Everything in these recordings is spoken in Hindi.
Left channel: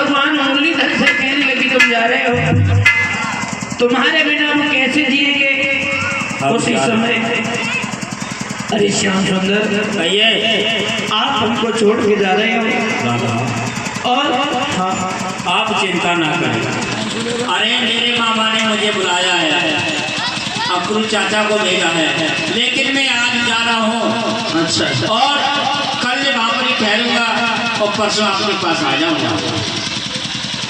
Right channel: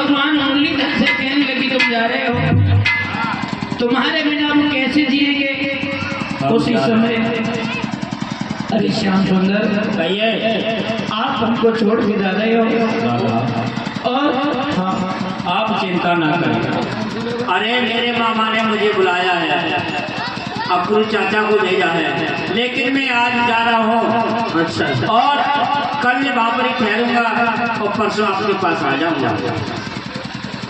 भगवान मुरलीधर से कहने लगी तुम जा रहे हो, तुम्हारे बिना हम कैसे जिएंगे। उसी समय अरे श्याम सुंदर आप हमको छोड़ के जा रहे हो। और हाँ, आप चिंता ना करें। अरे मेरे मामा ने मुझे बुलाया है, अकुल चाचा को भेजा है, लेकिन मैं आज जा रहा हूँ। अच्छा और कल वहाँ पर ही ठहरूंगा और परसों आपके पास आ जाऊँगा।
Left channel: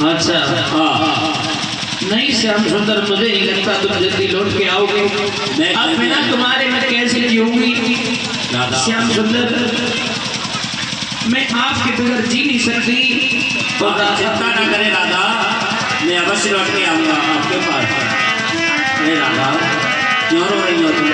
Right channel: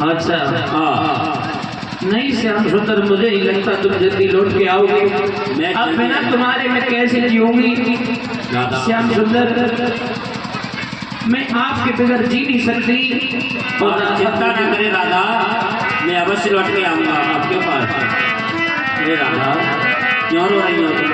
अच्छा हाँ नहीं श्याम सुंदर, मुझे नहीं लगता तुम जल्दी लौट के आओगे। अब बिना तुम्हारे मैं कैसे जीऊंगी। श्याम सुंदर मैं आपके बगैर जी नहीं सकती। और चिंता ना करें दादा, मैं अवश्य लौट के आऊँगा आपके पास। अरे दादा क्यों रो रही हो तुम?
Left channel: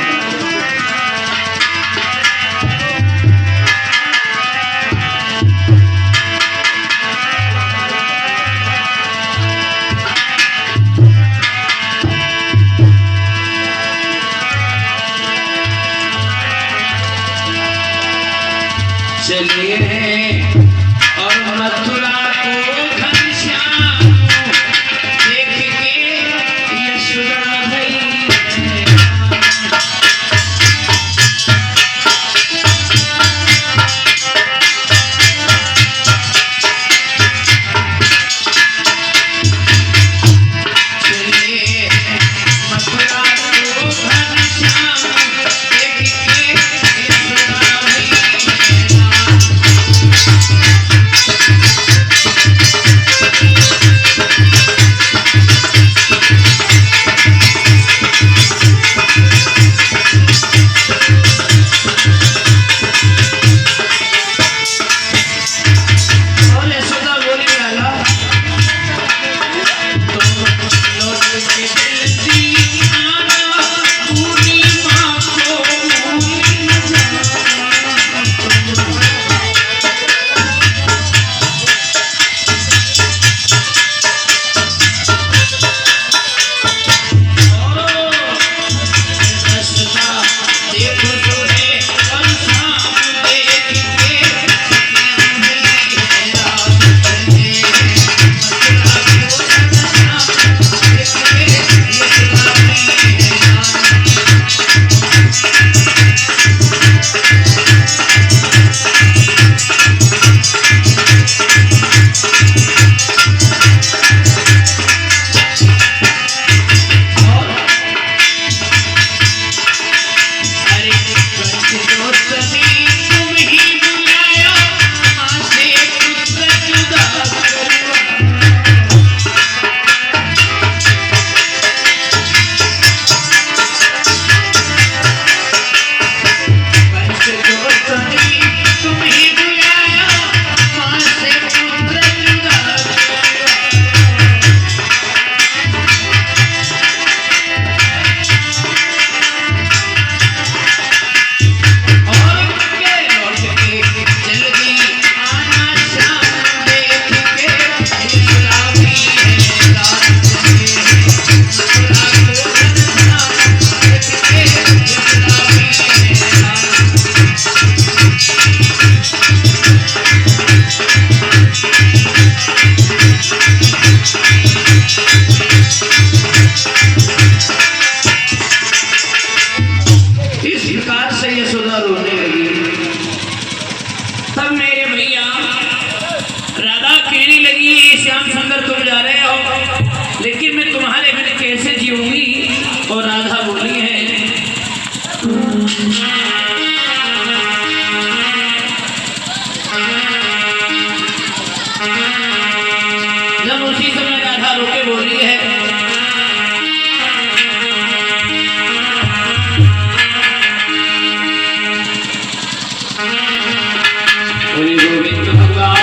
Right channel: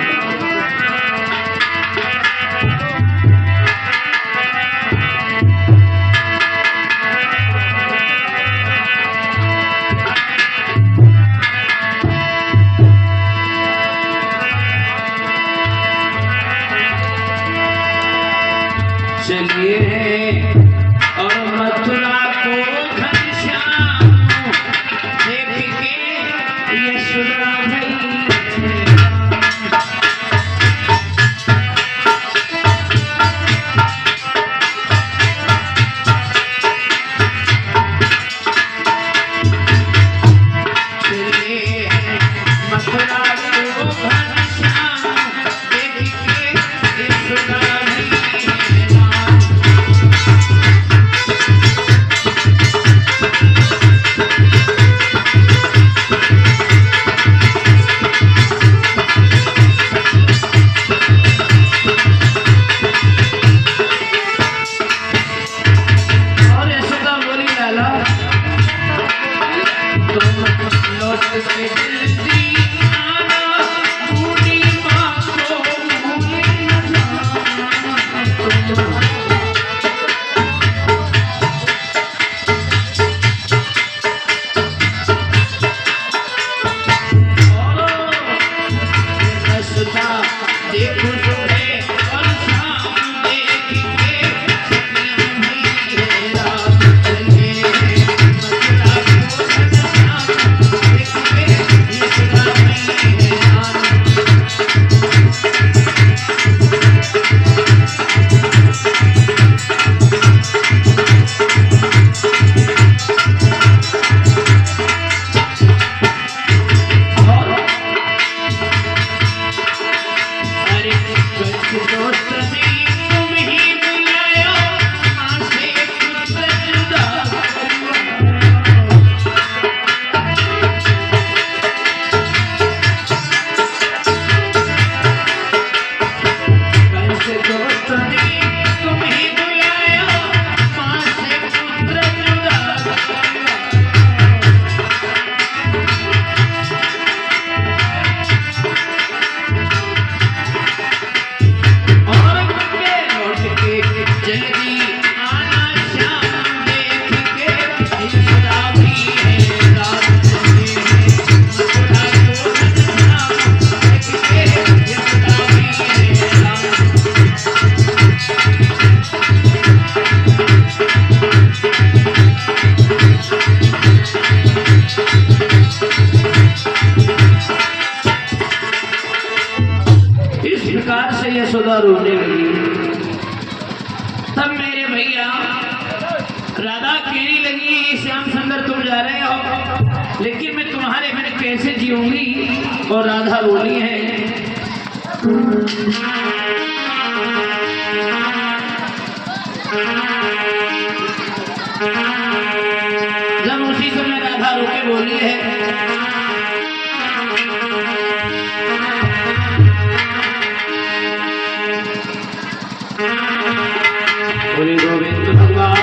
चलिए और मथुरा को घनश्याम देख के यशोदा गई। चलिए मथुरा को घनश्याम देख के यशोदा गई। लेकिन मैं तुम्हारे बिना कैसे जीऊंगी। और राधा बोली है जब उसी समय राधा रोके बोली है हरि गोविंद भगवान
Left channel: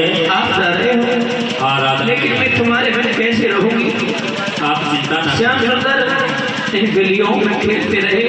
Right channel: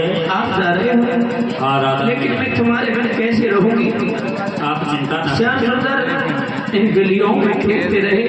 कहिए। आप जा रहे हो, हाँ राधा, लेकिन मैं तुम्हारे बिना कैसे रहूंगी? आप चिंता न श्याम सुंदर इन गलियों में खेलते रहे।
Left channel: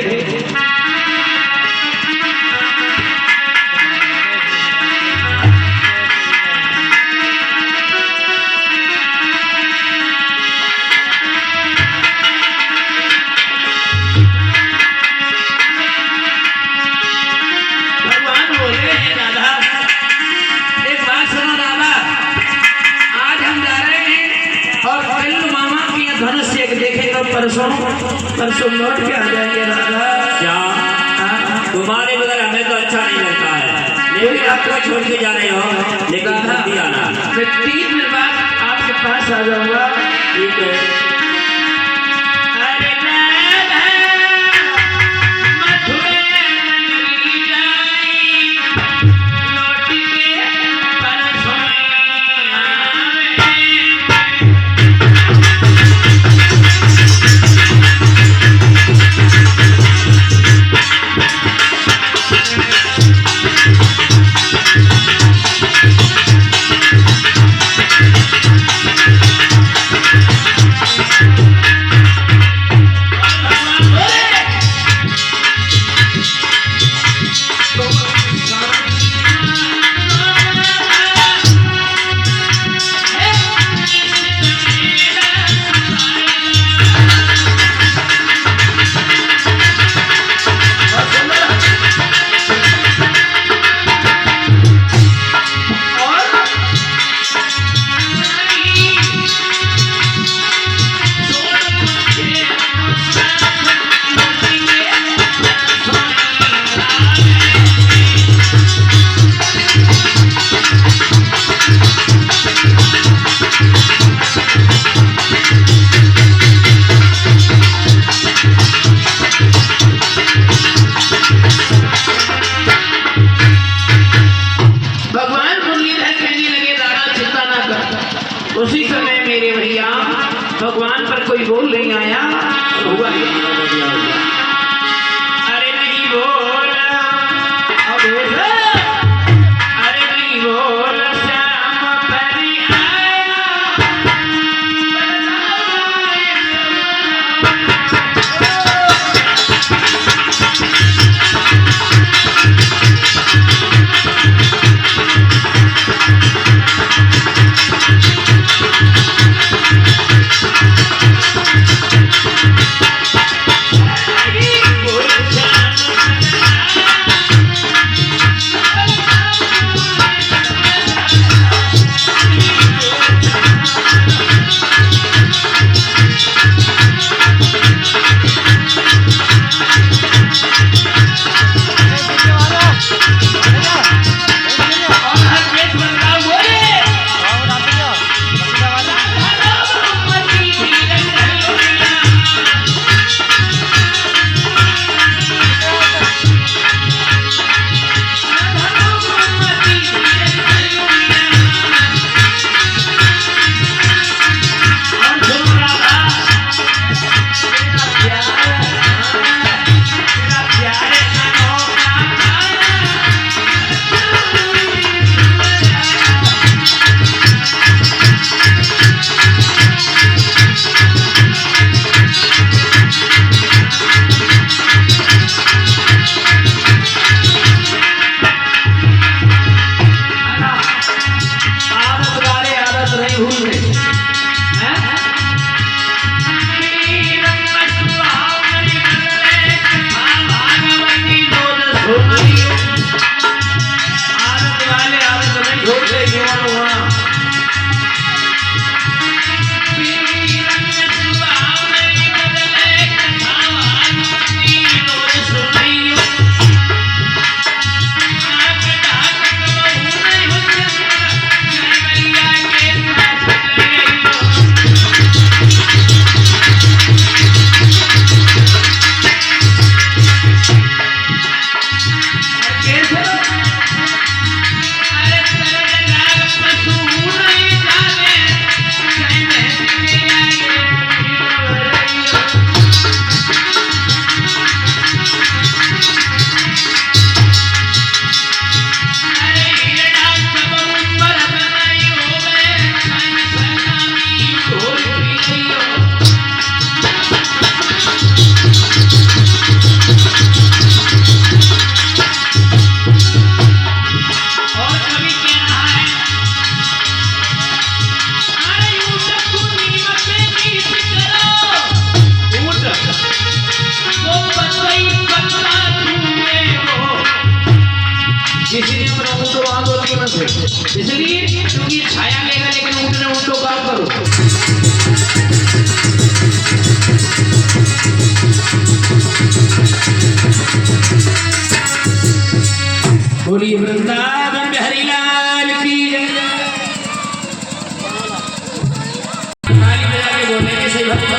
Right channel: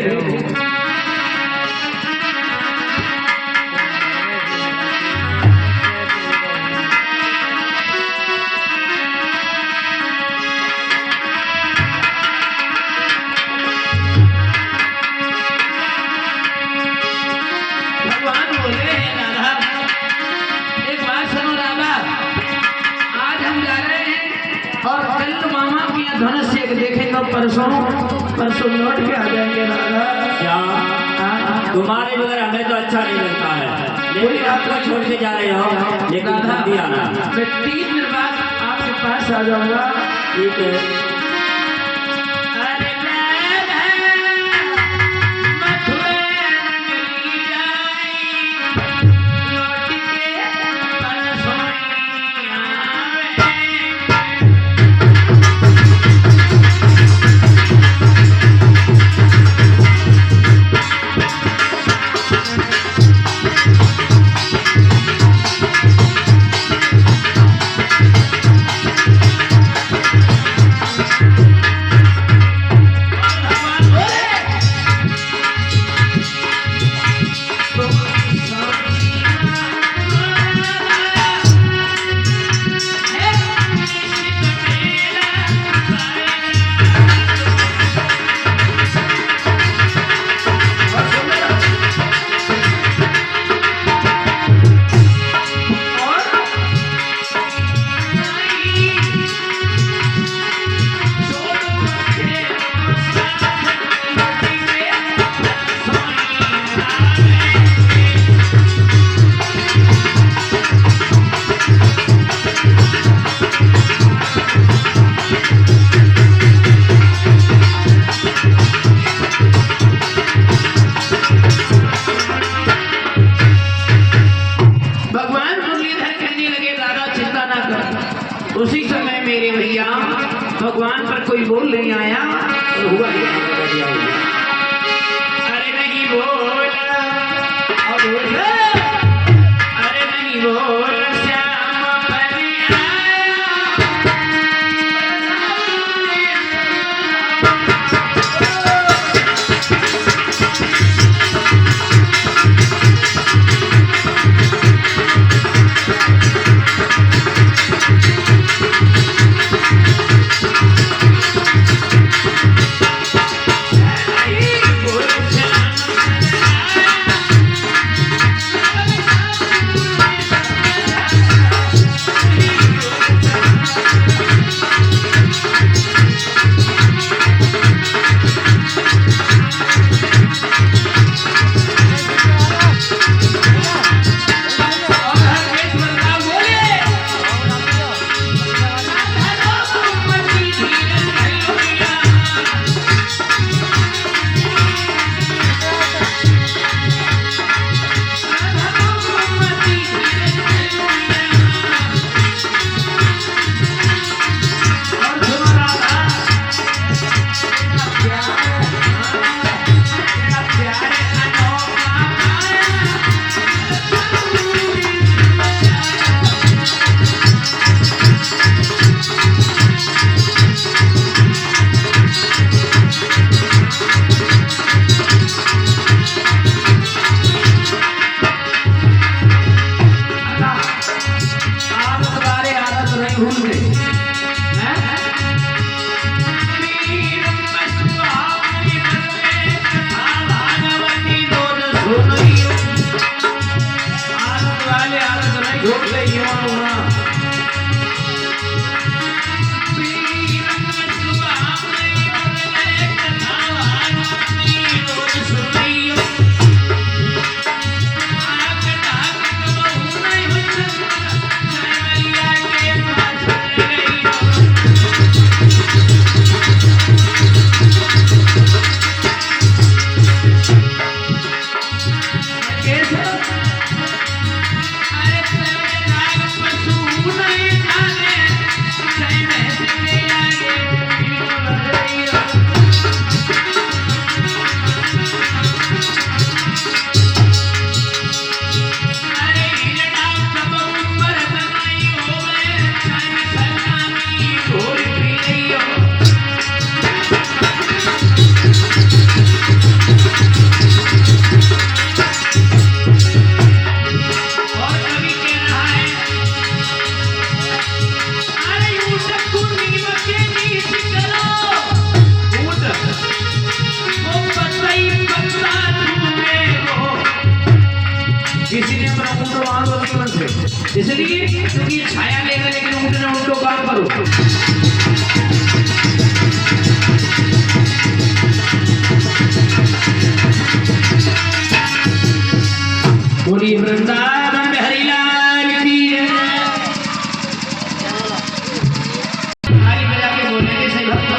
धनुष एक देखेगा, परसों लौट के आ जाएंगे राधा। क्या तुम्हारे बगैर हमें तो अच्छा नहीं लगता है, लेकिन आपको छोड़ के जा रहे हो, लेकिन जल्दी आना। मैं 3 दिन बाद आपके पास आ जाऊंगा। ठीक है। उसी समय मेरे भैया भगवान पर कोई बोल नहीं आया, हुआ अरे नहीं बोला, अरे नहीं बोला, श्याम परी इसलिए क्योंकि ये छाया लेगा, लेकिन उठना उठो काम करो। बोलिए वृंदावन में हरि लाल की जय। ताली बजा के बोलने के सही भक्त।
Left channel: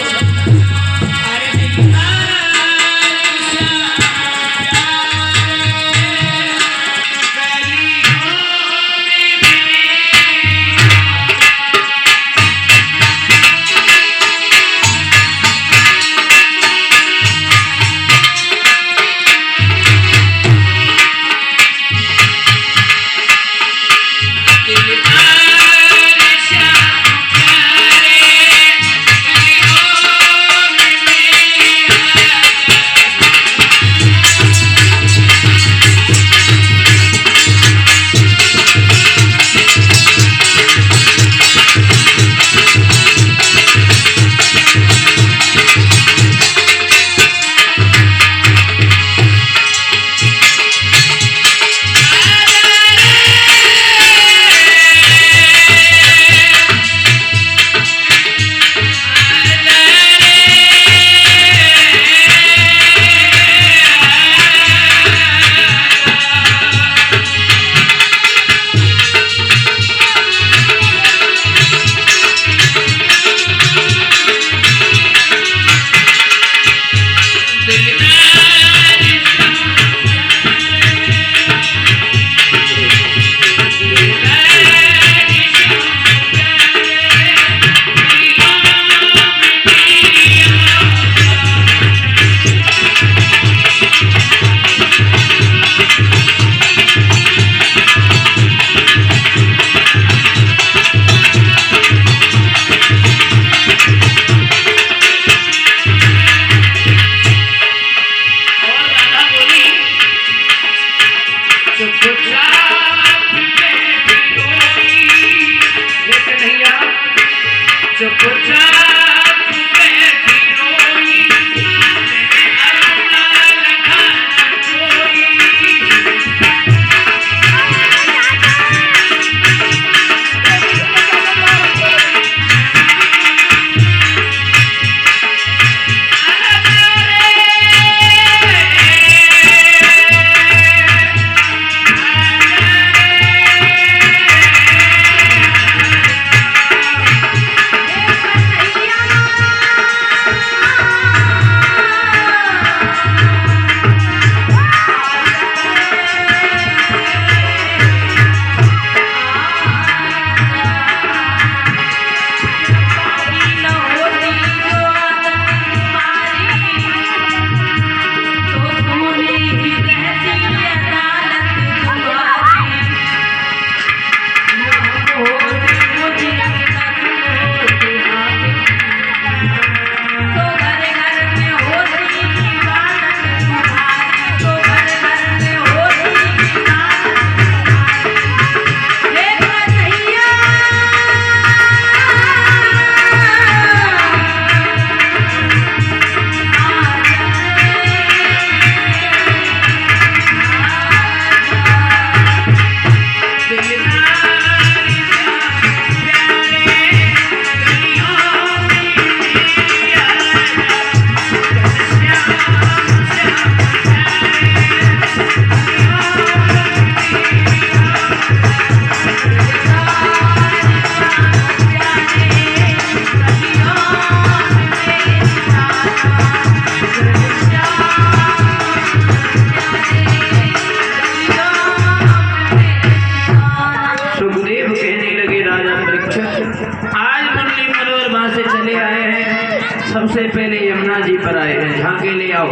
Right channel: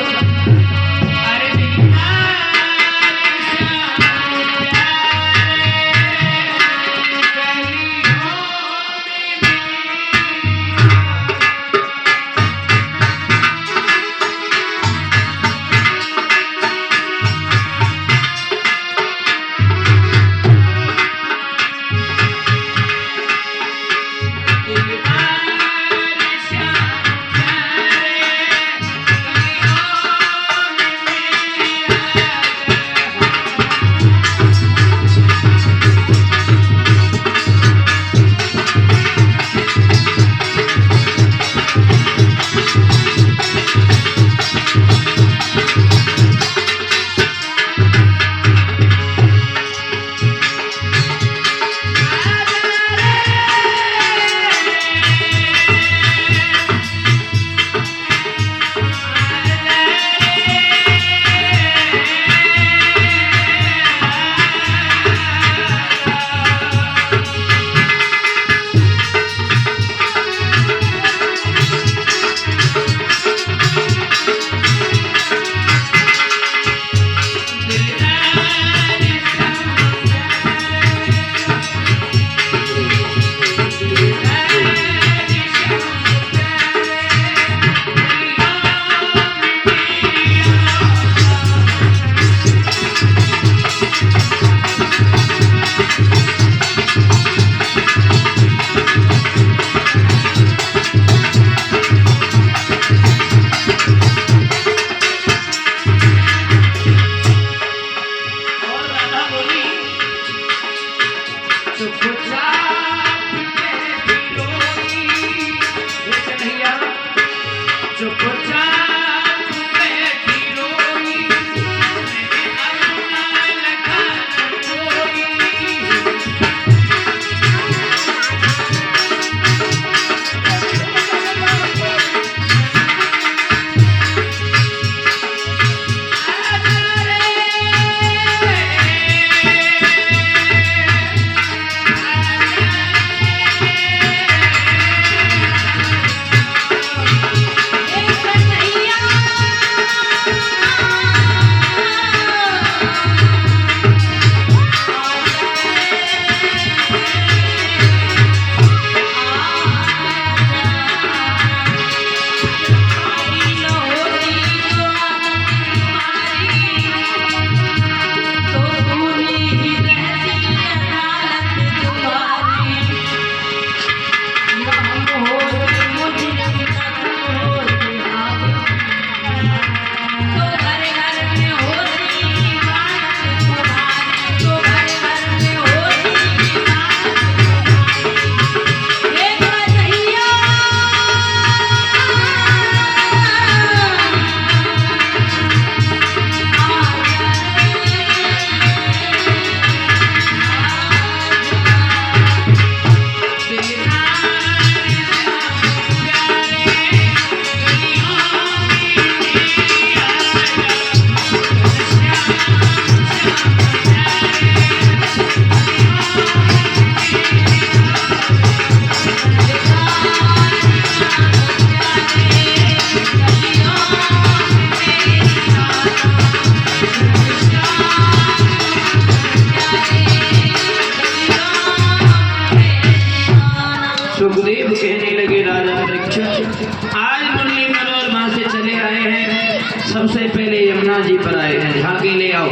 सबसे पहले यमुना जी पर आए हैं, झांके ले आओ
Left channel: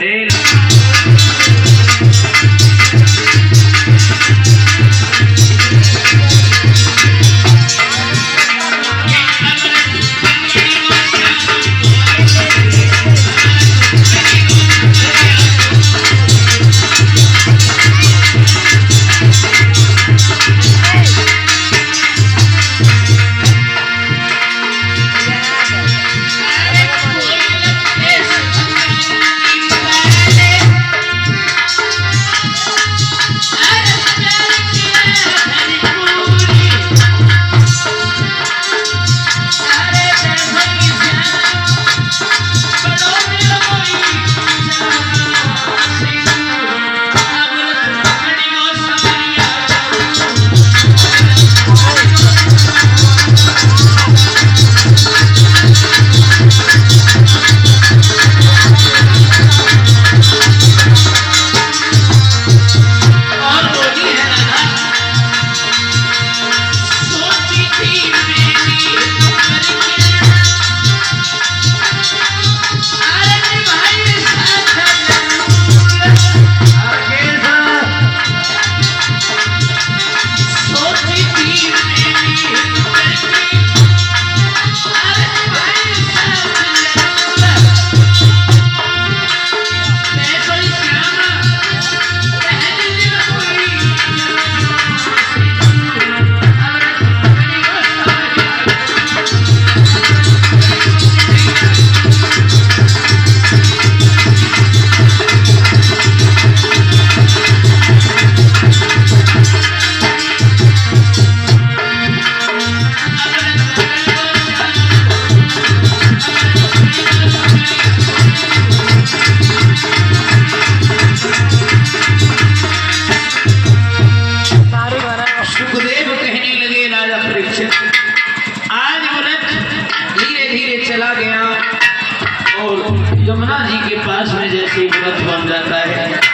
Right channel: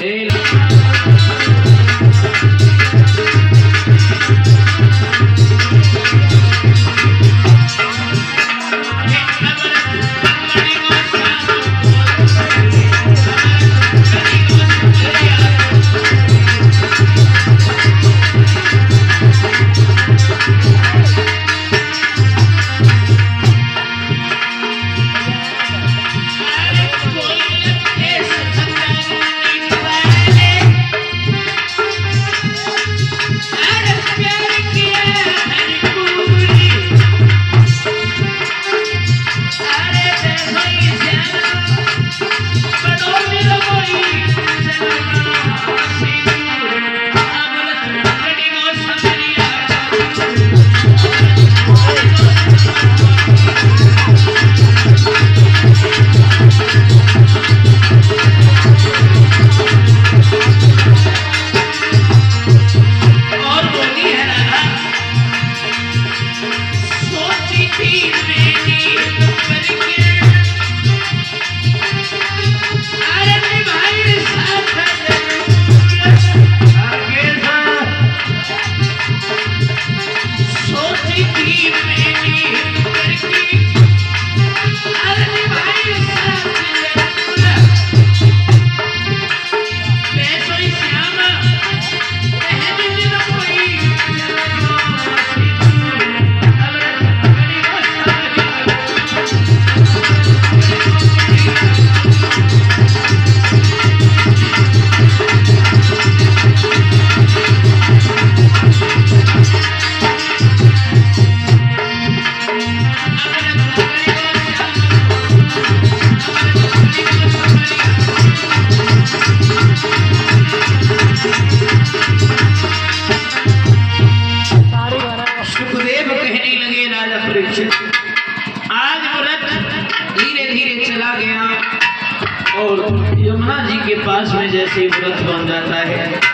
तेल। और यमुना जी के पास में जैसे व्रत बन जाता है